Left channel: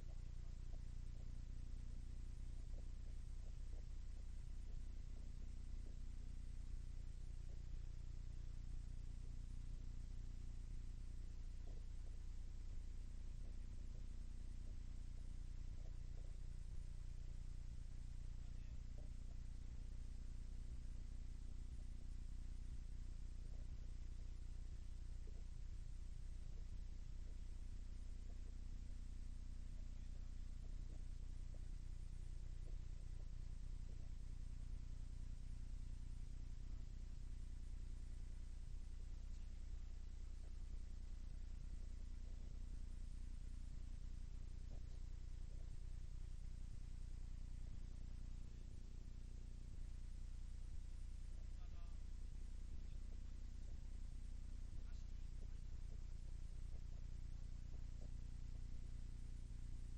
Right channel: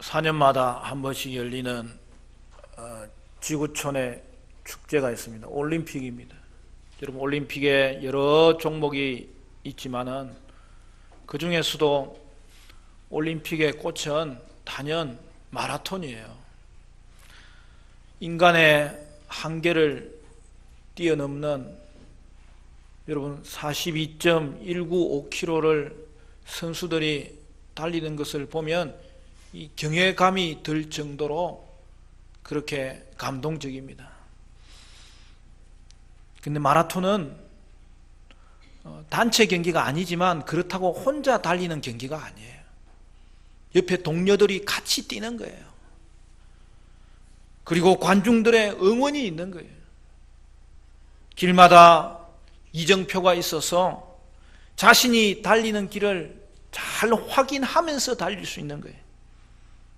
4년마다 한 번씩 열리는 지구촌의 축제가 있습니다. 올림픽입니다. 여러분, 올림픽에 여러 종목이 있지만은 그 중에서도 올림픽의 꽃은 단연 마라톤이에요. 인간의 한계를 뛰어넘는 여러분 42.195km를 선수들이 달리는 것을 보면 이 경외감이 들 정도로 그렇게 감동적입니다. 근데 마라톤은 단체 경기가 아니지만 그렇다고 혼자 달리는 경기가 아니에요. 옆에 동료들이 같이 뛰는 거예요. 그리고 관중들의 응원이 있는 거예요. 길마다 이정표가 있어서 자신이 달리는 길을 잘 확인하면서 달릴 수 있는 거예요.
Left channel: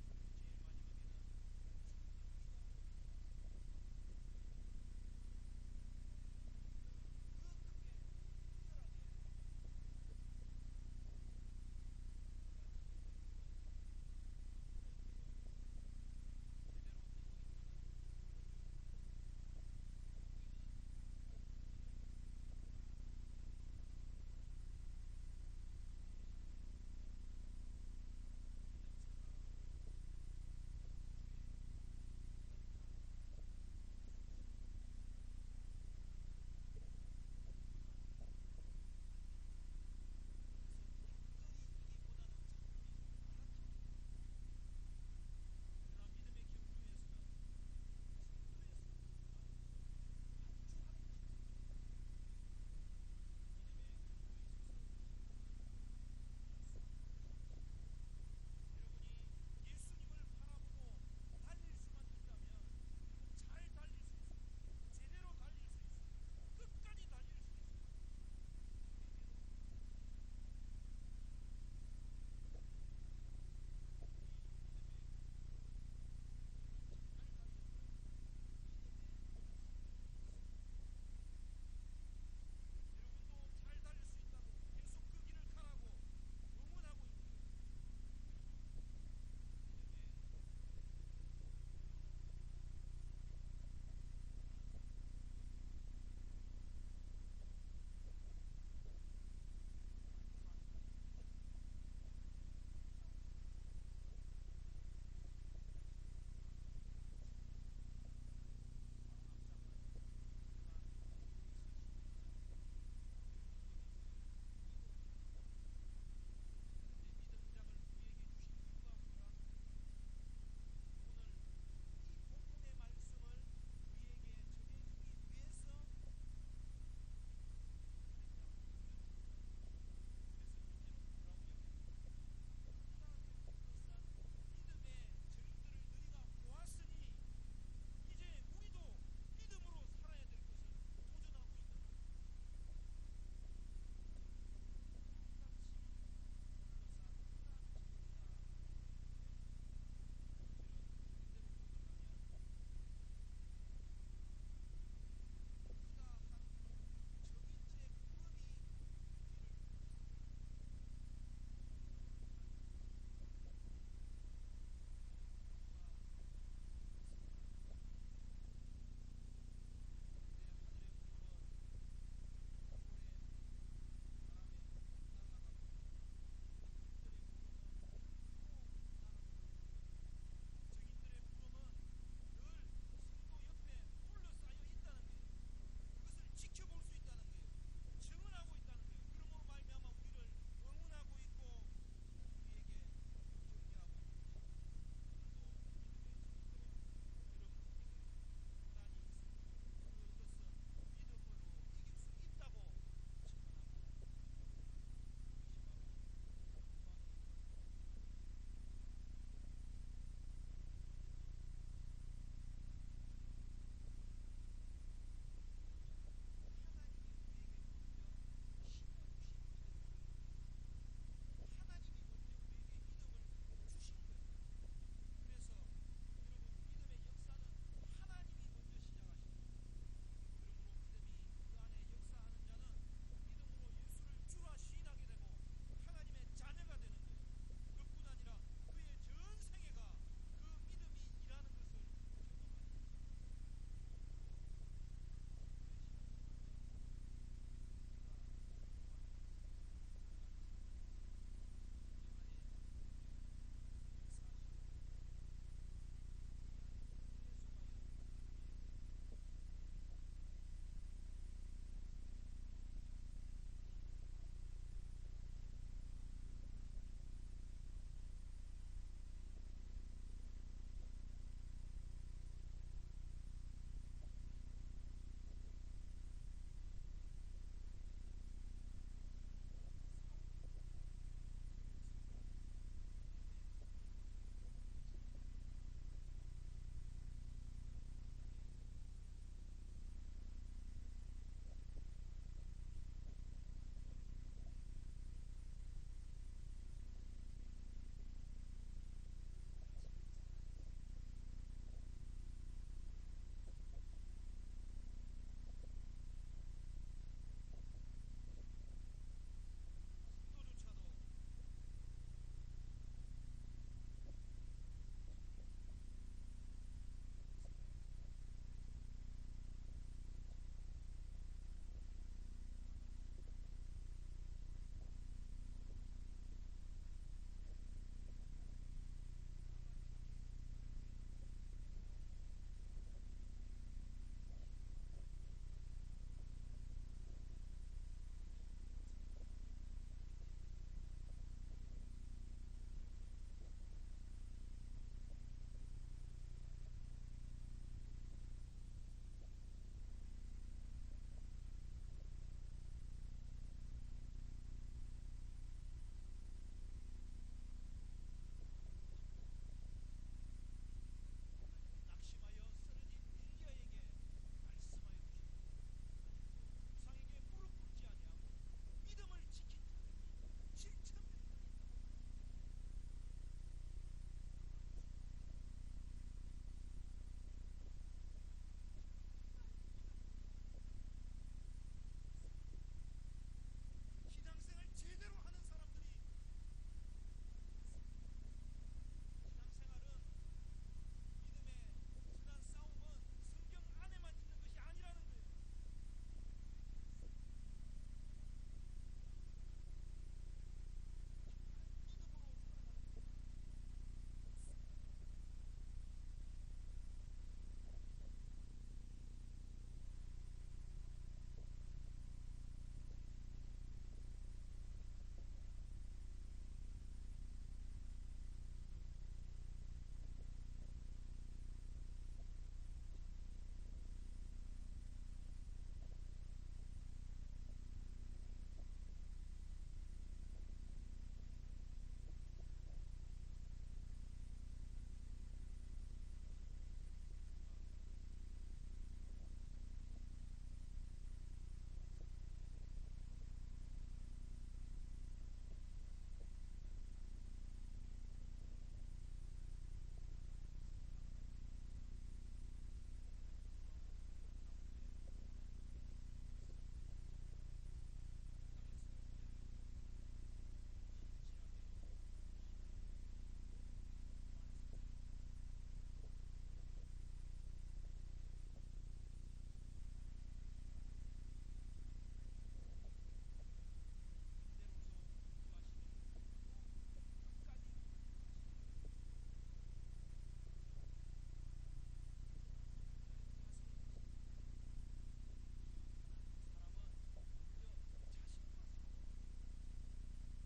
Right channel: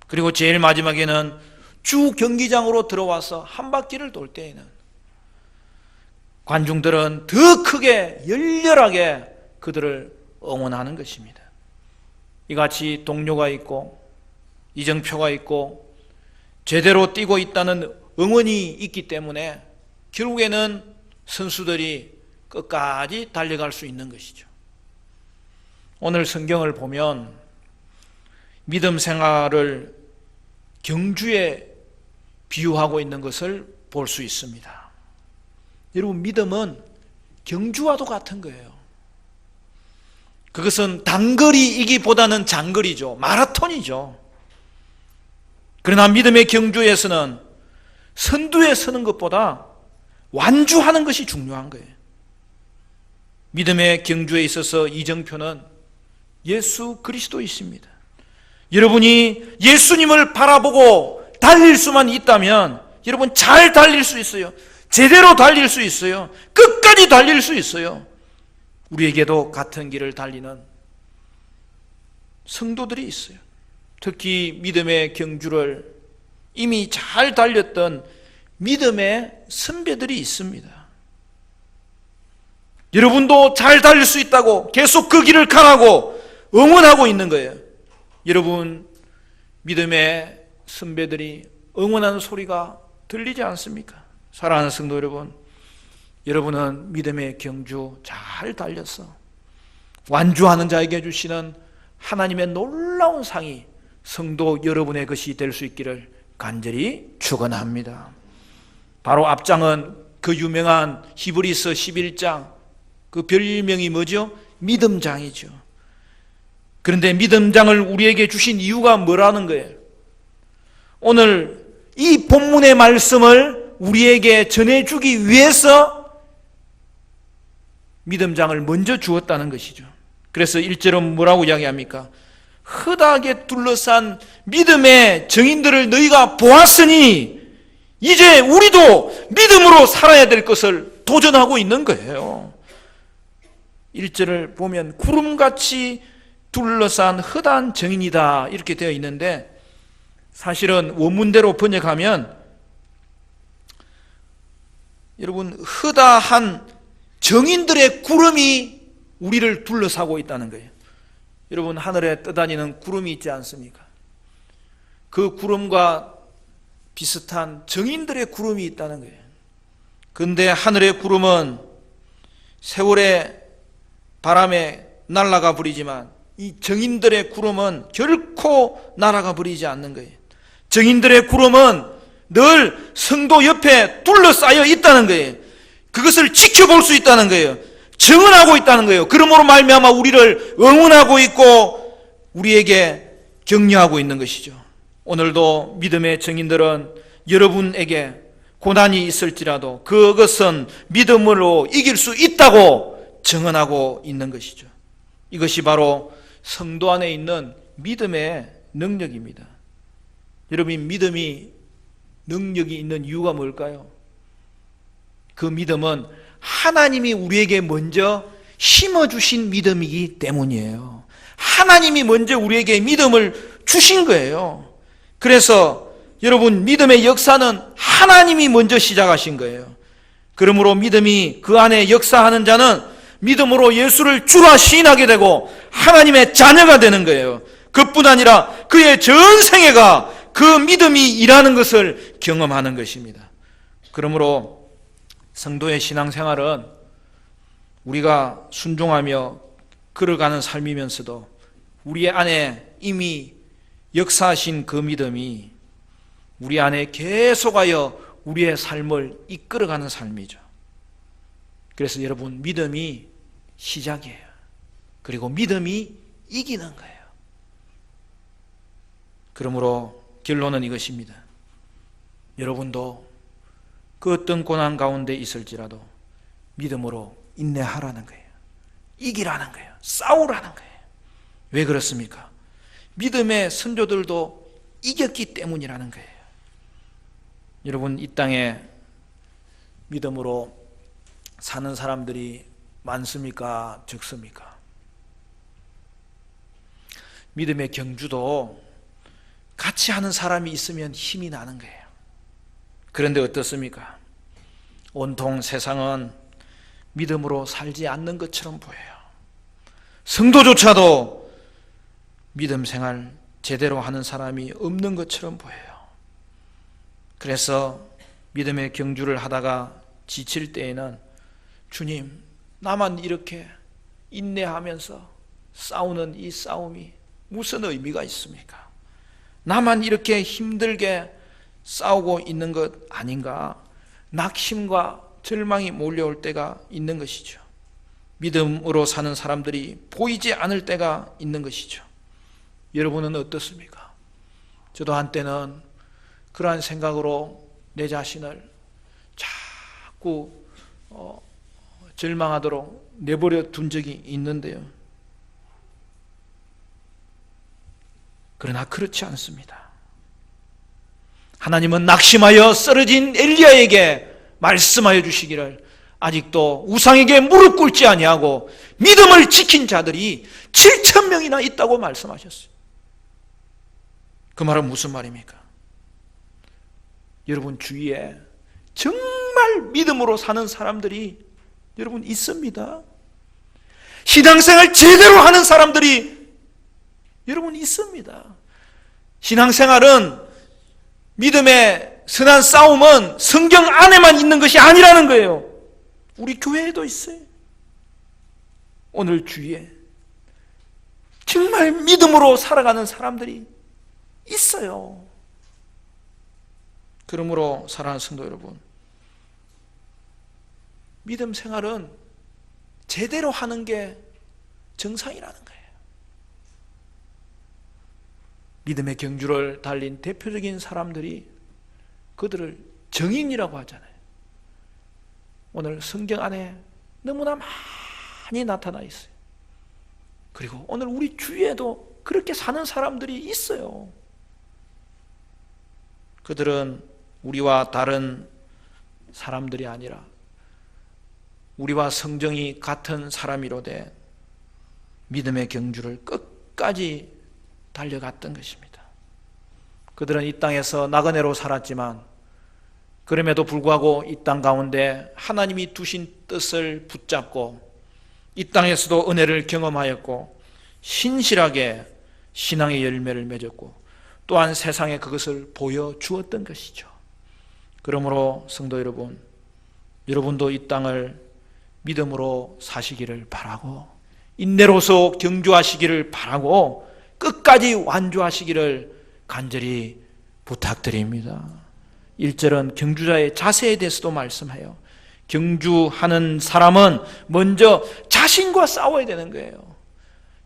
그리고 제일 마지막에는 주 경기장으로 들어와서 한 바퀴를 돌 때에는 관중들은 더 크게 열렬하게 그들을 응원하는 것입니다. 이같이 동료가 있고 이정표가 있고 제대로 뛰고 있다는 응원이 있기 때문에 결국에는 선수들이 끝까지 달려갈 수 있는 것이죠. 오늘 성경을 보면 믿음 생활을 경주에 비유하고 있는 것을 볼 수 있습니다. 여러분, 믿음은 경주와도 같은 거예요. 그것은 단거리이기보다는 장거리죠. 마라톤이죠. 그러나 믿음의 경주에서는 선두에 서는 것보다 완주하는 것이 중요한 거예요. 믿음의 경주에 있어서 이정표는 예수 그리스도이십니다. 여러분이 예수님을 바라보고 달릴 수만 있다면 여러분 잘 달릴 수 있어요. 제대로 달릴 수 있어요. 끝까지 달릴 수 있어요. 우리에게도 같은 길을 달리는 성도들이 있어요. 특히 믿음의 경주를 이미 잘 달렸던 믿음의 선배들이 있습니다. 여러분도 잘 달릴 수 있다고 계속 그 길을 가라고 응원하고 있는 거예요. 여러분, 믿음의 선배들이 응원하는 소리가 들리지 않습니까? 사랑하는 성도 여러분, 여러분은 믿음의 경주 잘 달렸어. 완주하는 자에게 주시는 하나님의 놀라운 상이 성도 여러분의 것이 될 수 있기를 간절히 축원합니다. 바로 앞장은 그 유명한 히브리서 11장, 그 별명이 뭐죠? 믿음장이죠. 그런데 믿음장을 우리에게 주신 이유가 뭐라는 거예요? 오늘 이 본문의 말씀을 우리에게 전해주기 위해서 믿음장을 먼저 주었다는 것이죠. 그래서 1절은 뭐라고 이야기합니까? 허다하게 둘러싼 믿음의 정인들을 너희가 보았으니 이제 우리도 믿음으로 살아야 될 것을 도전하고 있는 거예요. 1절을 보면 구름같이 둘러싼 허다한 정인이다 이렇게 되어 있는데, 사실은 원문대로 번역하면 여러분 허다한 정인들의 구름이 우리를 둘러싸고 있다는 거예요. 여러분, 하늘에 떠다니는 구름이 있지 않습니까? 그 구름과 비슷한 정인들의 구름이 있다는 거예요. 그런데 하늘의 구름은 세월의 바람에 날아가 버리지만 이 정인들의 구름은 결코 날아가 버리지 않는 거예요. 정인들의 구름은 늘 성도 옆에 둘러싸여 있다는 거예요. 그것을 지켜볼 수 있다는 거예요. 증언하고 있다는 거예요. 그러므로 말미암아 우리를 응원하고 있고 우리에게 격려하고 있는 것이죠. 오늘도 믿음의 증인들은 여러분에게 고난이 있을지라도 그것은 믿음으로 이길 수 있다고 증언하고 있는 것이죠. 이것이 바로 성도 안에 있는 믿음의 능력입니다. 여러분, 믿음이 능력이 있는 이유가 뭘까요? 그 믿음은 하나님이 우리에게 먼저 심어주신 믿음이기 때문이에요. 하나님이 먼저 우리에게 믿음을 주신 거예요. 그래서 여러분, 믿음의 역사는 하나님이 먼저 시작하신 거예요. 그러므로 믿음이 그 안에 역사하는 자는 믿음으로 예수를 주라 시인하게 되고 하나님의 자녀가 되는 거예요. 그뿐 아니라 그의 전 생애가 그 믿음이 일하는 것을 경험하는 것입니다. 그러므로 성도의 신앙생활은 우리가 순종하며 걸어가는 삶이면서도 우리 안에 이미 역사하신 그 믿음이 우리 안에 계속하여 우리의 삶을 이끌어가는 삶이죠. 그래서 여러분, 믿음이 시작이에요. 그리고 믿음이 이기는 거예요. 그러므로 결론은 이것입니다. 여러분도 그 어떤 고난 가운데 있을지라도 믿음으로 인내하라는 거예요. 이기라는 거예요. 싸우라는 거예요. 왜 그렇습니까? 믿음의 선조들도 이겼기 때문이라는 거예요. 여러분, 이 땅에 믿음으로 사는 사람들이 많습니까? 적습니까? 믿음의 경주도 같이 하는 사람이 있으면 힘이 나는 거예요. 그런데 어떻습니까? 온통 세상은 믿음으로 살지 않는 것처럼 보여요. 성도조차도 믿음 생활 제대로 하는 사람이 없는 것처럼 보여요. 그래서 믿음의 경주를 하다가 지칠 때에는 주님, 나만 이렇게 인내하면서 싸우는 이 싸움이 무슨 의미가 있습니까? 나만 이렇게 힘들게 싸우고 있는 것 아닌가? 낙심과 절망이 몰려올 때가 있는 것이죠. 믿음으로 사는 사람들이 보이지 않을 때가 있는 것이죠. 여러분은 어떻습니까? 저도 한때는 그러한 생각으로 내 자신을 자꾸 절망하도록 내버려 둔 적이 있는데요. 그러나 그렇지 않습니다. 하나님은 낙심하여 쓰러진 엘리야에게 말씀하여 주시기를 아직도 우상에게 무릎 꿇지 아니하고 믿음을 지킨 자들이 7,000명이나 있다고 말씀하셨어요. 그 말은 무슨 말입니까? 여러분 주위에 정말 믿음으로 사는 사람들이 여러분 있습니다. 신앙생활 제대로 하는 사람들이 여러분 있습니다. 신앙생활은 믿음의 선한 싸움은 성경 안에만 있는 것이 아니라는 거예요. 우리 교회에도 있어요. 오늘 주위에 정말 믿음으로 살아가는 사람들이 있어요. 그러므로 사랑하는 성도 여러분, 믿음 생활은 제대로 하는 게 정상이라는 거예요. 믿음의 경주를 달린 대표적인 사람들이 그들을 정인이라고 하잖아요. 오늘 성경 안에 너무나 많이 나타나 있어요. 그리고 오늘 우리 주위에도 그렇게 사는 사람들이 있어요. 그들은 우리와 다른 사람들이 아니라 우리와 성정이 같은 사람이로되 믿음의 경주를 끝까지 달려갔던 것입니다. 그들은 이 땅에서 나그네로 살았지만 그럼에도 불구하고 이 땅 가운데 하나님이 두신 뜻을 붙잡고 이 땅에서도 은혜를 경험하였고 신실하게 신앙의 열매를 맺었고 또한 세상에 그것을 보여주었던 것이죠. 그러므로 성도 여러분, 여러분도 이 땅을 믿음으로 사시기를 바라고 인내로서 경주하시기를 바라고 끝까지 완주하시기를 간절히 부탁드립니다. 1절은 경주자의 자세에 대해서도 말씀해요. 경주하는 사람은 먼저 자신과 싸워야 되는 거예요.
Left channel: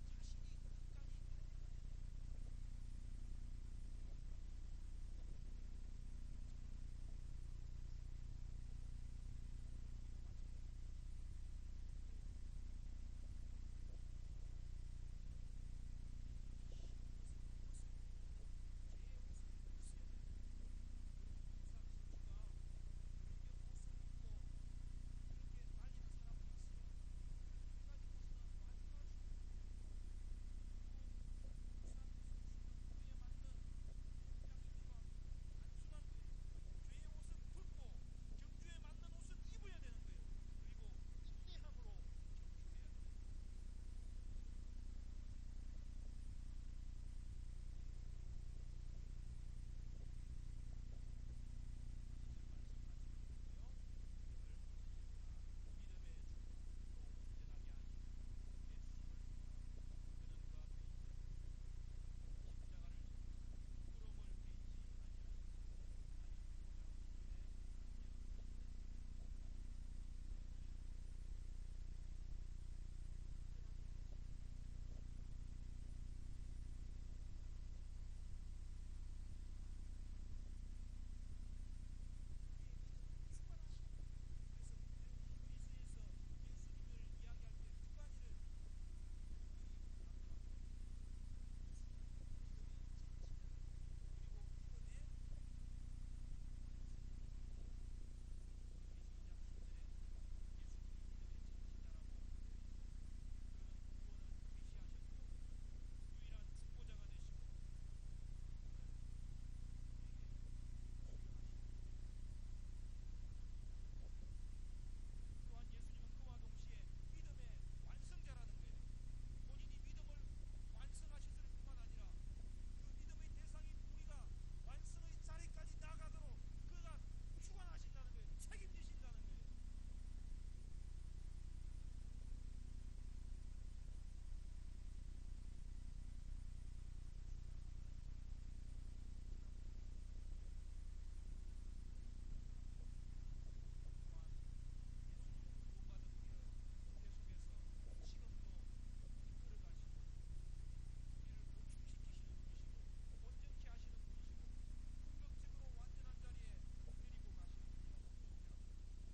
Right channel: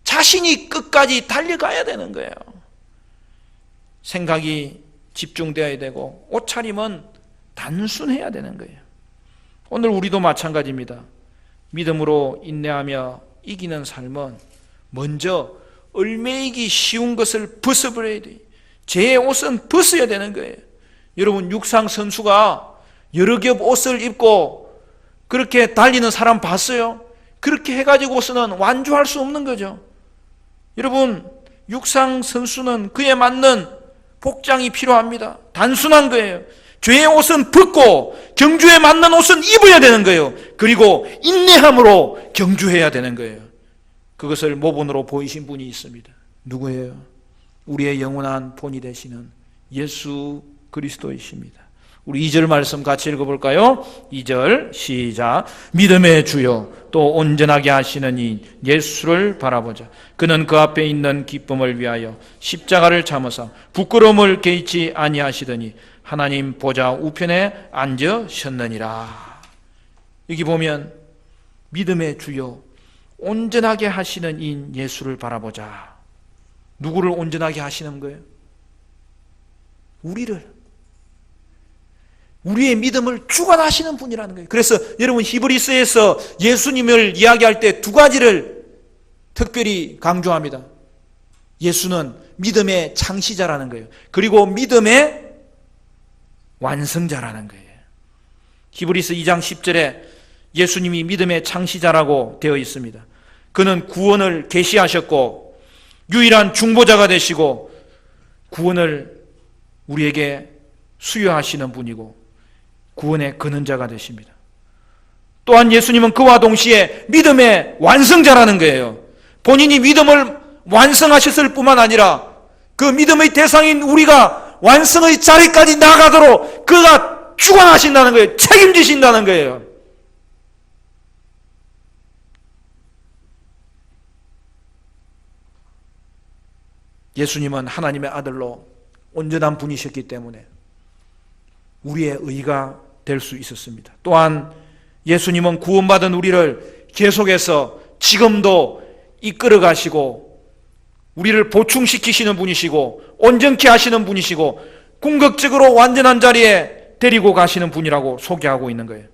자신이 끝까지 달려가야 되는 거예요. 생각이 집중되어야 되고 옷차림은 단순해야 되는 거예요. 오늘 우리도 마찬가지입니다. 믿음으로 인내하며 이기는 삶은 먼저 얼매이기 쉬운 것을 벗어버려야 돼요. 제 옷은 벗어야 되는 거예요. 여러분 육상 선수가 여러 겹 옷을 입고 그렇게 달리는 사람 봤어요? 그렇게 해가지고서는 완주할 수 없는 거죠. 여러분 육상 선수는 그에 맞는 복장이 필요합니다. 단순한 거예요. 죄의 옷은 벗고 경주에 맞는 옷은 입어야 되는 거예요. 그리고 인내함으로 경주해야 되는 거예요. 그것을 모본으로 보이신 분이 있습니다. 누구예요? 우리의 영원한 본이 되시는 예수 그리스도이십니다. 우리 2절 말씀 같이 읽어볼까요? 2절 시작. 믿음의 주요 또 온전하게 하시는 이 예수를 바라보자. 그는 그 앞에 있는 기쁨을 위하여 십자가를 참으사 부끄러움을 개의치 아니하시더니 하나님 보좌 우편에 앉으셨느니라. 여기 보면 믿음의 주요 온전하게 하시는 이 예수를 바라보자. 누구를 온전하게 하시는 거예요? 우리의 믿음을 주관하시는 분이라는 거예요. 그래서 여러분 히브리서에서 예수님을 이야기할 때 두 가지를 특별히 강조합니다. 예수는 믿음의 창시자라는 거예요. 그리고 믿음의 완성자라는 거예요. 히브리서 2장 10절에 예수님이 믿음의 창시자라고 되어 있습니다. 그는 구원을 계시하셨고 유일한 중보자가 되시고 구원을 우리에게 수여하시는 분이고 구원의 근원자가 되십니다. 또한 예수님은 그와 동시에 믿음의 완성자라는 거예요. 본인이 믿음을 완성하셨을 뿐만 아니라 그 믿음의 대상인 우리가 완성의 자리까지 나가도록 그가 주관하신다는 거예요. 책임지신다는 거예요. 예수님은 하나님의 아들로 온전한 분이셨기 때문에 우리의 의가 될 수 있었습니다. 또한 예수님은 구원받은 우리를 계속해서 지금도 이끌어 가시고 우리를 보충시키시는 분이시고 온전케 하시는 분이시고 궁극적으로 완전한 자리에 데리고 가시는 분이라고 소개하고 있는 거예요.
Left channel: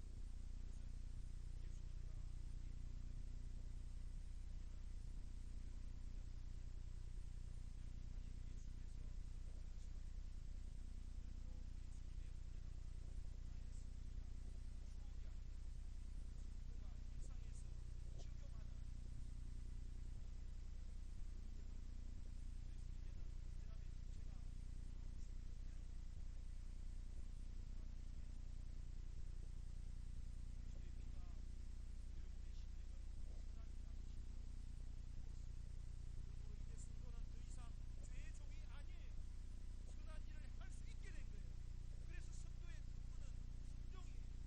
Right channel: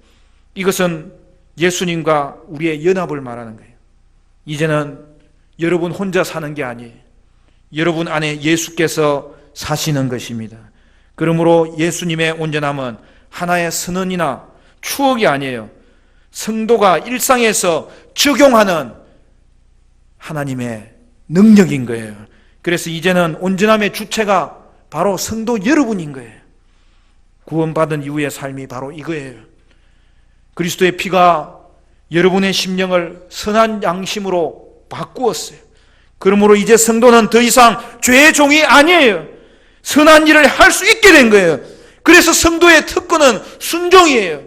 이것은 예수님과 우리의 연합을 말하는 거예요. 이제는 여러분 혼자 사는 게 아니에요. 여러분 안에 예수께서 사시는 것입니다. 그러므로 예수님의 온전함은 하나의 선언이나 추억이 아니에요. 성도가 일상에서 적용하는 하나님의 능력인 거예요. 그래서 이제는 온전함의 주체가 바로 성도 여러분인 거예요. 구원받은 이후의 삶이 바로 이거예요. 그리스도의 피가 여러분의 심령을 선한 양심으로 바꾸었어요. 그러므로 이제 성도는 더 이상 죄의 종이 아니에요. 선한 일을 할 수 있게 된 거예요. 그래서 성도의 특권은 순종이에요.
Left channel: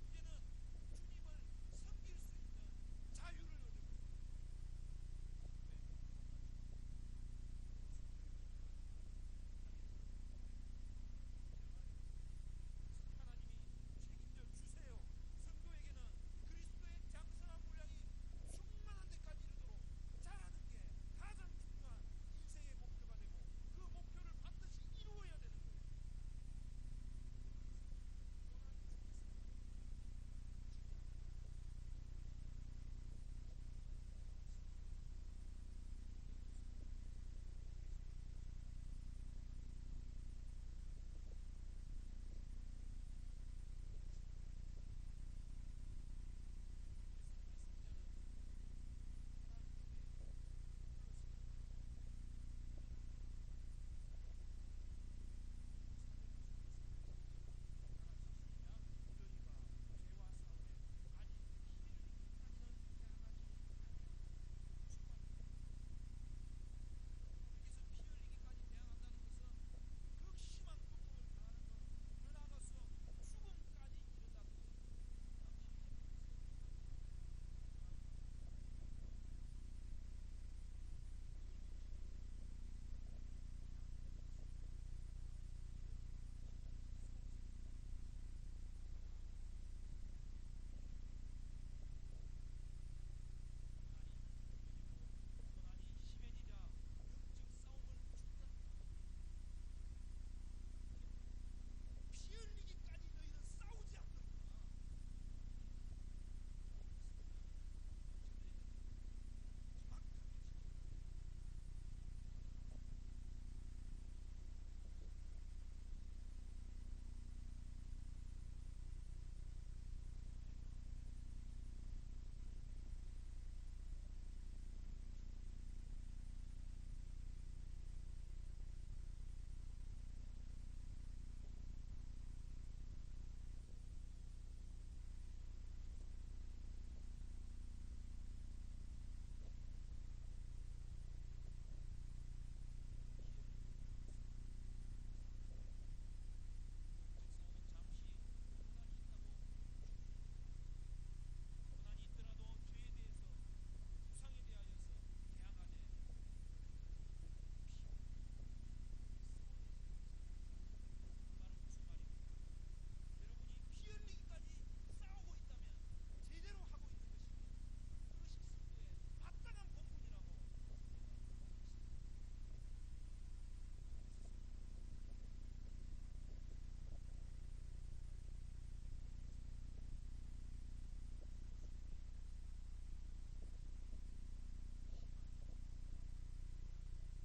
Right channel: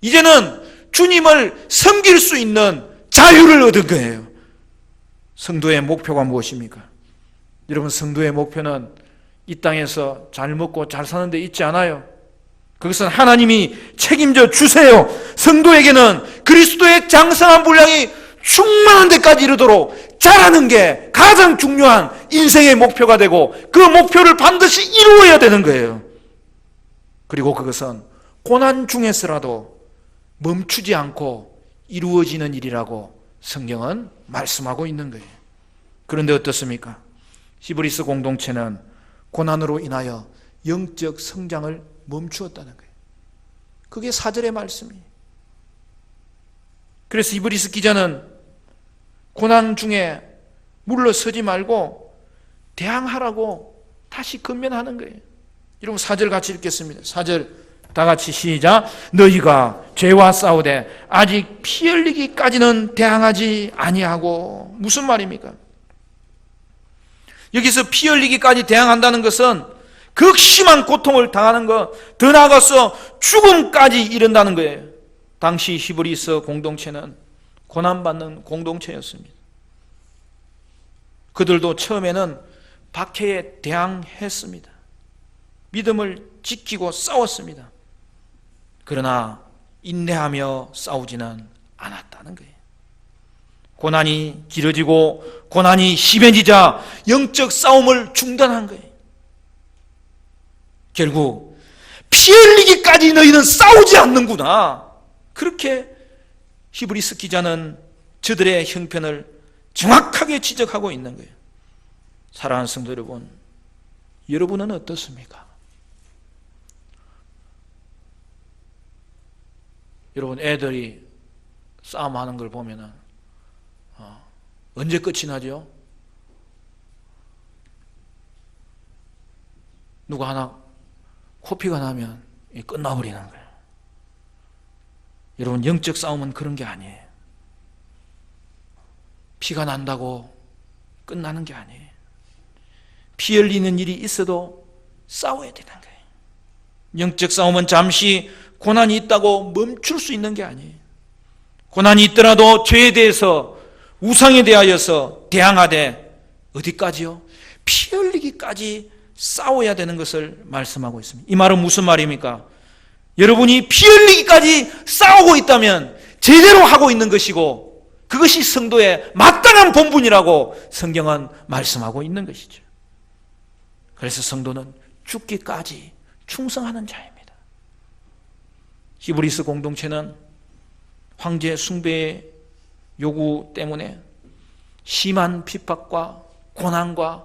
이제는 주님을 섬길 수 있는 자유를 얻은 거예요. 성도의 목표가 무엇입니까? 여러분, 성도의 목표는 이 땅에서 잘 먹고 잘 사는 데 있지 않아요. 그것은 하나님이 책임져 주세요. 성도에게는 그리스도의 장성한 분량이 충만한 데까지 이르도록 자라는 게 가장 중요한 인생의 목표가 되고 그 목표를 반드시 이루어야 되는 거예요. 그리고 그것은 고난 중에서라도 멈추지 않고 이루어지는 일이라고 성경은 말씀하고 있는 거예요. 그런데 어떻습니까? 히브리서 공동체는 고난으로 인하여 영적 성장을 멈추었다는 거예요. 그게 4절의 말씀이에요. 그래서 히브리서 기자는 고난 중에 물러서지 말고 대항하라고 다시 권면하는 거예요. 여러분 4절 같이 읽겠습니다. 4절 다 같이 시작. 너희가 죄와 싸우되 아직 피 흘리기까지는 대항하지 아니하고. 무슨 말입니까? 여기서 피 흘리기까지 대항한다는 것은 극심한 고통을 당하는 것, 더 나아가서 죽음까지 이른다는 거예요. 당시 히브리서 공동체는 고난받는 공동체였습니다. 그들도 처음에는 박해에 대항했습니다. 믿음을 지키고 싸웠습니다. 그러나 인내하며 싸우지는 않았다는 거예요. 고난이 길어지고 고난이 심해지자 영적 싸움을 중단한 거예요. 결국 피 흘리기까지 너희는 싸우지 않는구나. 그렇게 히브리서 기자는 저들의 형편을 정확하게 지적하고 있는 거예요. 사랑하는 성도 여러분, 여러분은 어떻습니까? 여러분, 애들이 싸움하는 걸 보면은 언제 끝이 나죠? 누가 하나 코피가 나면 끝나버리는 거예요. 여러분, 영적 싸움은 그런 게 아니에요. 피가 난다고 끝나는 게 아니에요. 피 피 흘리는 일이 있어도 싸워야 되는 거예요. 영적 싸움은 잠시 고난이 있다고 멈출 수 있는 게 아니에요. 고난이 있더라도 죄에 대해서, 우상에 대하여서 대항하되 어디까지요? 피 흘리기까지 싸워야 되는 것을 말씀하고 있습니다. 이 말은 무슨 말입니까? 여러분이 피 흘리기까지 싸우고 있다면 제대로 하고 있는 것이고 그것이 성도의 마땅한 본분이라고 성경은 말씀하고 있는 것이죠. 그래서 성도는 죽기까지 충성하는 자입니다. 히브리스 공동체는 황제 숭배의 요구 때문에 심한 핍박과 고난과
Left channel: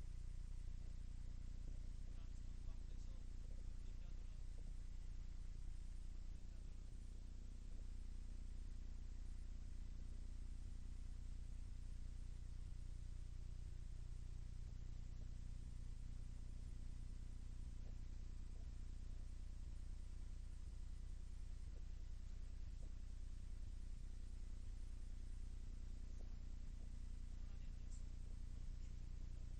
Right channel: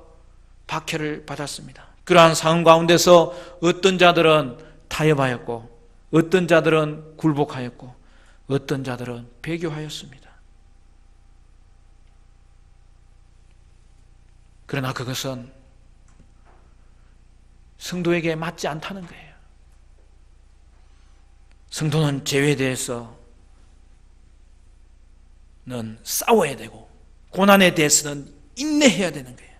박해를 받았습니다. 그러한 상황 가운데서 어떤 자들은 타협하였고 어떤 자들은 굴복하였고 어떤 자들은 배교하였습니다. 그러나 그것은 성도에게 맞지 않다는 거예요. 성도는 죄에 대해서는 싸워야 되고 고난에 대해서는 인내해야 되는 거예요.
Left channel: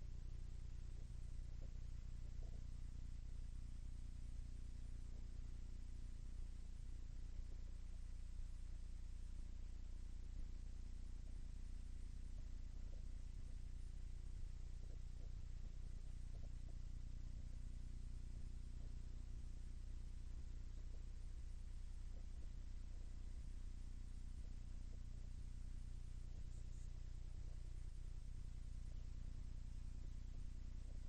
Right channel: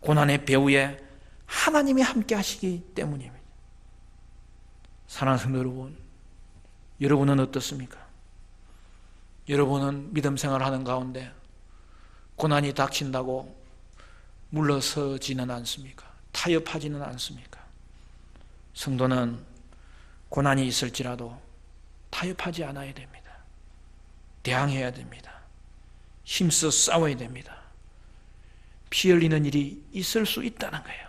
고난의 배후에 하나님이 함께 하시기 때문입니다. 사랑하는 성도 여러분, 여러분은 어떻습니까? 여러분은 믿음 생활하는 가운데 고난이 닥친다고 물러서지는 않습니까? 타협하지는 않습니까? 성도는 고난이 있을지라도 타협하지 않아야 됩니다. 대항해야 됩니다. 힘써 싸워야 됩니다. 피 흘리는 일이 있을 수 있다는 거예요.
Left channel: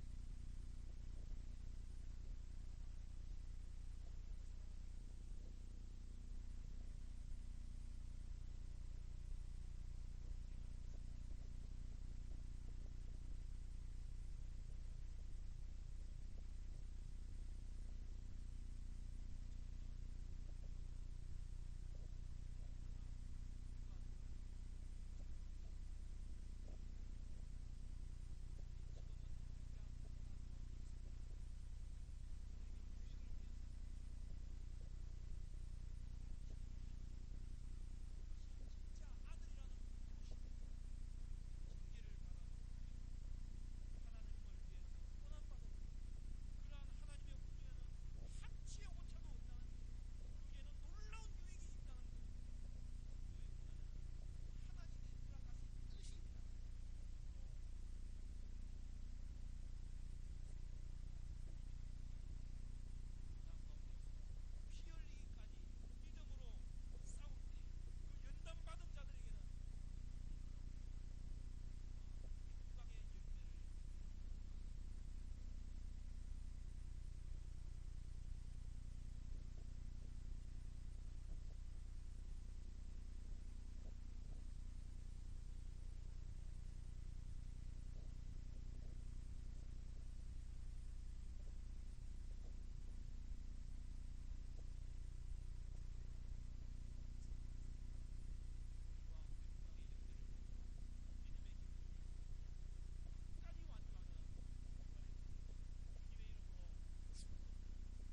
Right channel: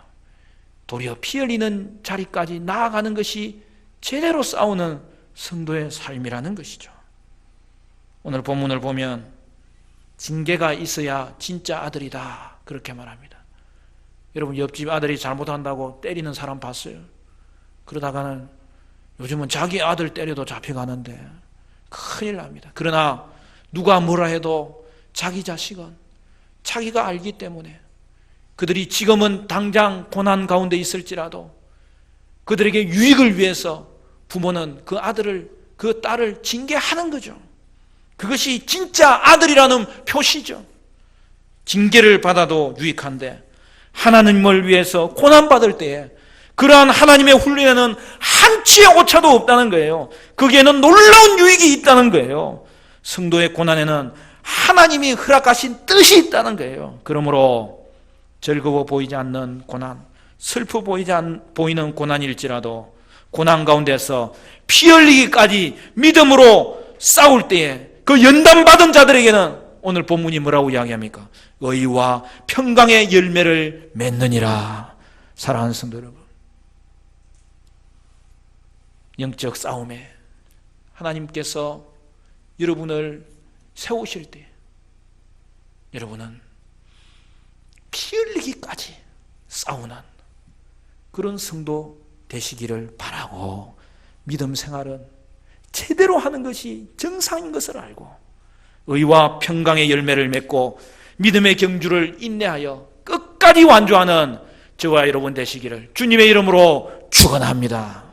도리어 피 흘리는 자리까지 나아가는 것이 제대로 싸우는 성도의 삶이라는 것이죠. 오늘 본문을 보면 징계가 있어야 진짜 아들이다 그렇게 말합니다. 여러분 옆집 아들이 잘못한다고 때리는 사람 봤어요? 그러다가는 요즘은 자기 아들 때려도 잡혀가는데 큰일 납니다. 그러나 누가 뭐라 해도 자기 자식은 자기가 알기 때문에 그들이 지금은 당장 고난 가운데 있을지라도 그들에게 유익을 위해서 부모는 그 아들을, 그 딸을 징계하는 거죠. 그것이 진짜 아들이라는 표시죠. 징계를 받아도 유익한데 하나님을 위해서 고난받을 때에 그러한 하나님의 훈련에는 한치의 오차도 없다는 거예요. 거기에는 놀라운 유익이 있다는 거예요. 성도의 고난에는 하나님이 허락하신 뜻이 있다는 거예요. 그러므로 즐거워 보이지 않는 고난, 슬퍼 보이는 고난일지라도 고난 가운데서 피 흘리기까지 믿음으로 싸울 때에 그 연단받은 자들에게는 오늘 본문이 뭐라고 이야기합니까? 의와 평강의 열매를 맺느니라. 사랑하는 성도 여러분, 영적 싸움에 하나님께서 여러분을 세우실 때 여러분은 피 흘리기까지 싸우는 그런 성도 되시기를 바라고, 믿음 생활은 제대로 하는 것이 정상인 것을 알고 의와 평강의 열매를 맺고 믿음의 경주를 인내하여 끝까지 완주하는 저와 여러분 되시기를 주님의 이름으로 축원합니다.